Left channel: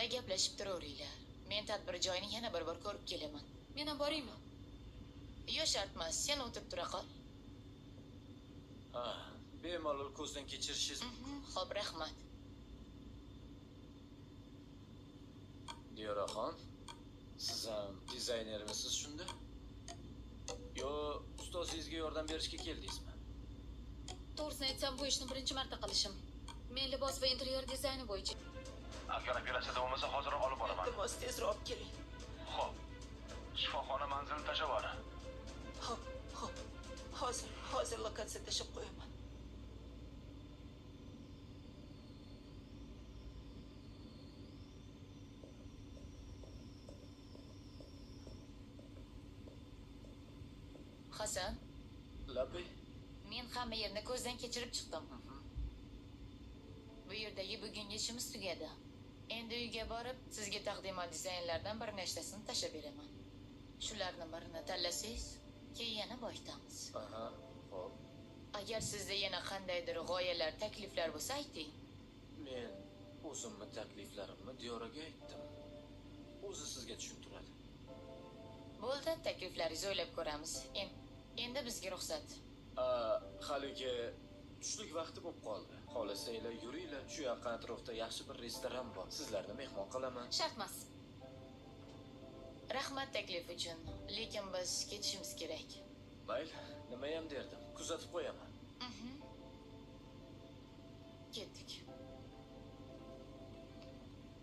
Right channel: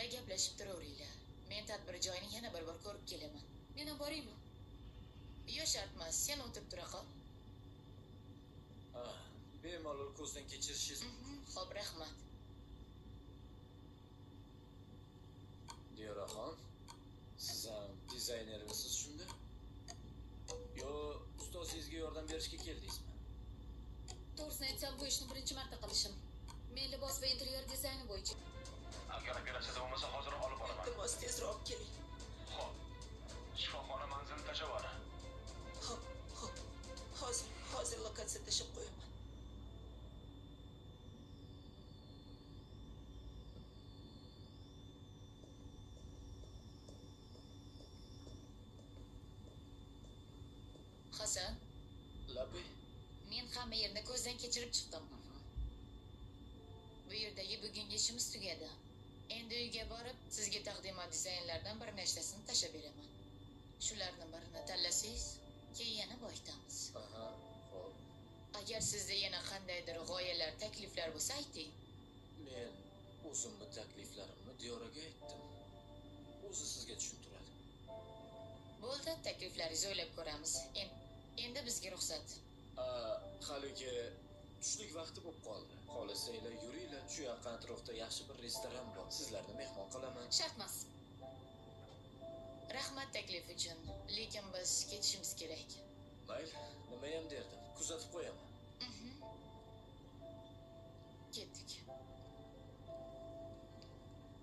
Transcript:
sizlar gaplashib turaveringlar. Men tadbir joyini yana bir bor ko'rib kelaman. Men ham boraymi? Yo, shart emas, sen o'tirib tura qol. Ha, bemalol ko'zdan kechirishingiz. Xo'p, rahmat. Diyoraxon, siz ham dizaynermisiz shunda? Yo, ustozingizga yordam berishga keldingizmi? To'g'risini aytsam, bu ishni birinchi marta qilishim. Men libos va interyer dizayni bo'yicha. Agar operatsiyada bo'lmasa, hozirroq olib boraman. Iltimos tezroq keling. Xo'p. Shifoxona manzilini tashlab yuboring. Xo'p. Hozir lokatsiya tashlab qo'yaman. Hasan, Labi? men hamma yerni ko'zdan kechirib chiqdim. Bu yerdagi bugungi ishimiz tugadi. Endi uyga borib, sizga taqdimot dizaynlardan bir nechtasini tashlab beraman. Shularni birini tanlasangiz, keyin yana boshlaymiz. Aha, xo'p. Agar sizda yana qandaydir g'oyalar, takliflar bo'lsa, ayting. Men o'zimni takliflarimni Diyoraga aytdim. O'zi sizga tushuntiradi. Bo'ldi, takliflaringizni o'ylab ko'ramiz. Endi bizga ruxsat. Haligi tushlik vaqti bo'lib qoldi. Xohlasanglar yuringlar, shu yaqin atrofda yaxshi bir restoran bor. Sizlarni mehmon qilaman. Shart emas. Rahmat taklif uchun, lekin biz ketishimiz kerak. Mayli, nima ham derdim. Kuzatib qo'yaman. Ketdik.